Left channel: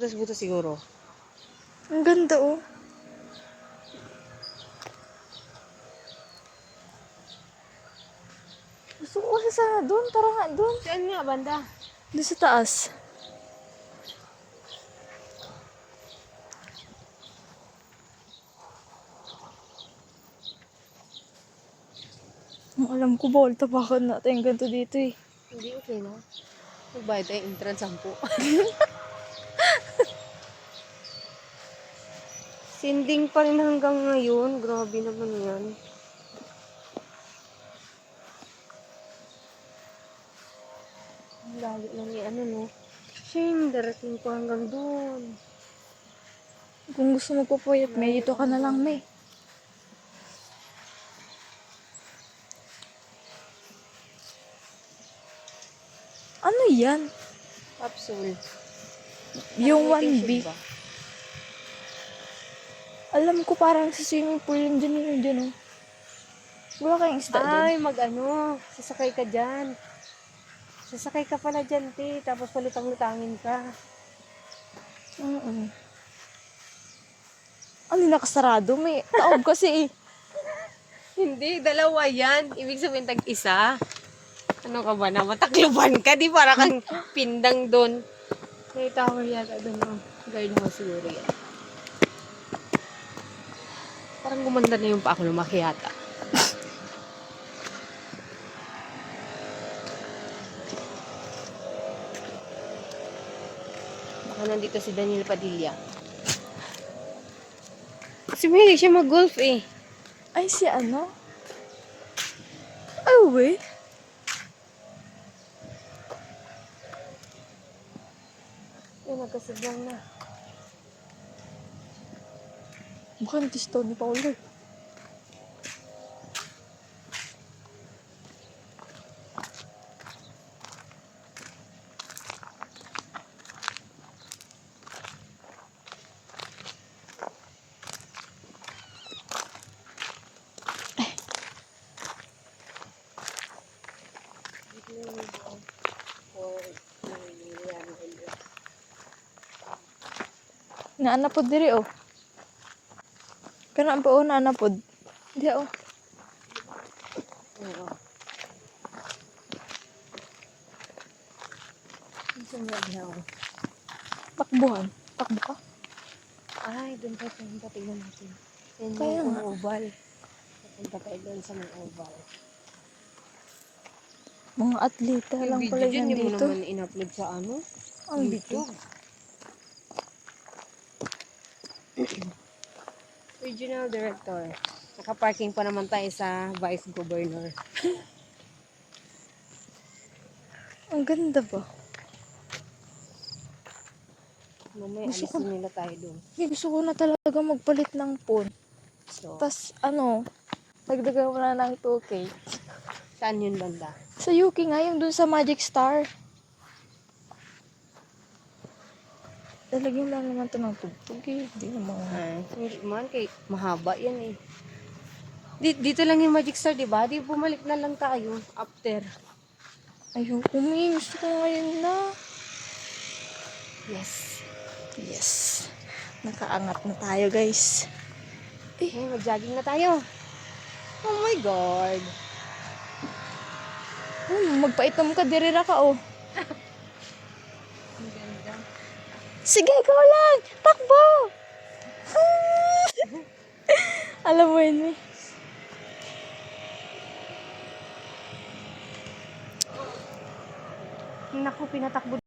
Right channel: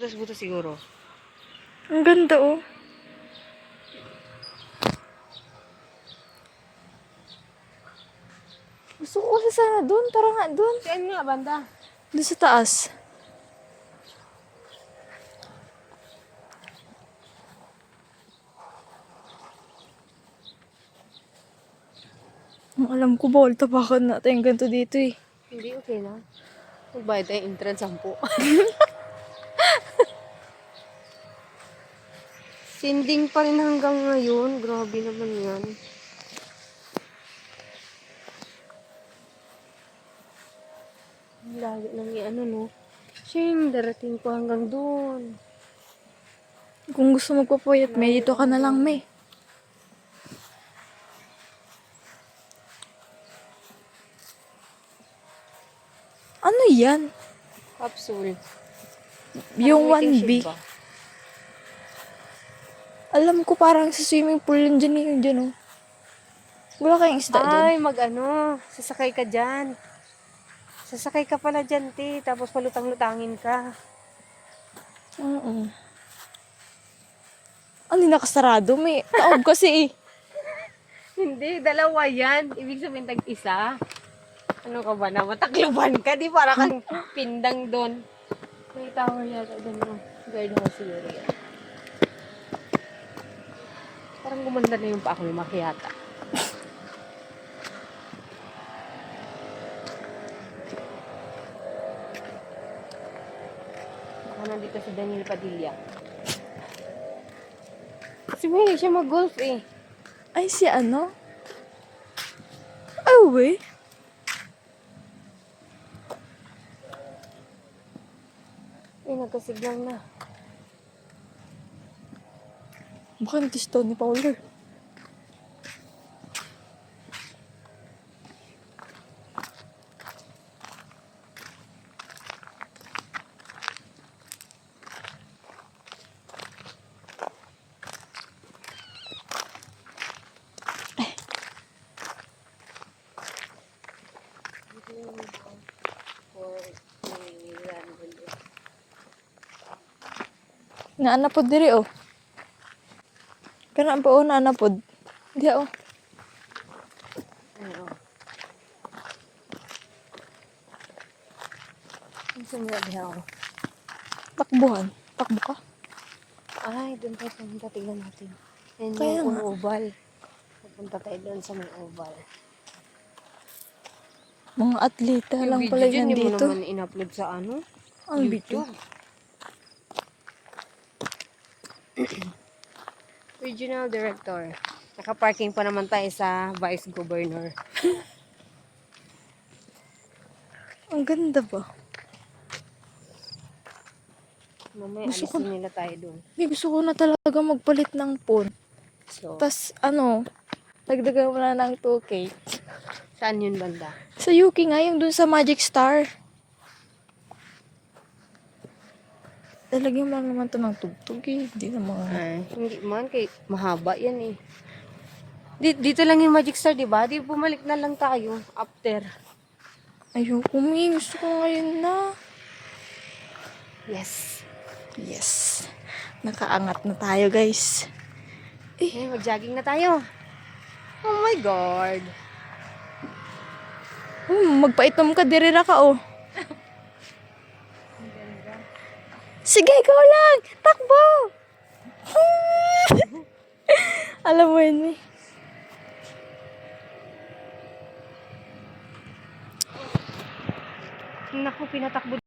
Butas-butas siguro. Ang ganda oh. Gusto ko kasi sana doon. Tara nga doon. Saan nga, banda? Doon sa taas. Ang alam ko, bawal tapakan natin ganito dito eh. Hindi, okay na. Magbayad tayo entrance 10. Sinding pa rin hanggang ngayon. Grabe naman yan. Ang layo lang yung ano, no? Siyang darating pa hanggang doon. Kung gusto magpapuyat, may dito ka na lang, may. Ano yan? Capsule. Yung Parang may 1B. tissue ba? Alam ko parang sa swimming pool yun dyan yung dyan oh. Wala kayong isda doon. Ay, mag-ano. Sasakay ka dyan. Sasakay ka pala dyan, te. Tapos palutang-lutangin ka. Oo. Ano nakasarado? May taob kasi eh. Hindi, dalawa yan. Ibig sabihin tag-isa. Ano ka ba na? Matakluban ka, di? Para kang pindang doon. May tower yata doon. Guard mo siguro yan. Parang gumanda na yung pa ako lumaki yata. Baka nandito si Daniel Padilla. Kasi mahilig siya mag-golf eh. Ay, si ano? Oh, we. Ay, nagkasignal na. Baka natisto ni Paulo. Naanapod diri oh. Kana pa oh naanapod. Di oh. Oo. Ang sumirabi ako. Takbuhan. Takbo ka. Ay, doon tayo pumunta. Tignan natin. Yan Kaya yung nga. oval. Pupunta tayo doon sa may oval. Mga atleta lang pala Hindi yan mo dito. naman in-upload sa ano? Ang bitin. Regional Director. Naka-parking pa naman tayo sa Vice Governor. Ang ganda ba? Mamaya Gusto ko alisin nila tayo doon. Gusto ko na talaga magpalit ng phone. So, Tas ano, dagdagan mo na ng 2K. saan yun banda? Sa Yuki nga, yung dun sa Magic Star. Talagyan mo lang naman to ng tugtog eh. Hindi naman. Ay, hindi man. Mahaba yan eh. Dito lang yung Magic Star, diba? Di bumalik na lang tayo after. Ayoko, may gusto ko ngayon na. Yes. Yes. Nakaangat na tayo, guys. Ay, mag-jogging na tayo. Oh my God. Magpaitom ka, dirira ka, oh. Ang ganda. Sige, ikaw lang! Takbo! Alam mo yun, eh. Naku, pinatakbo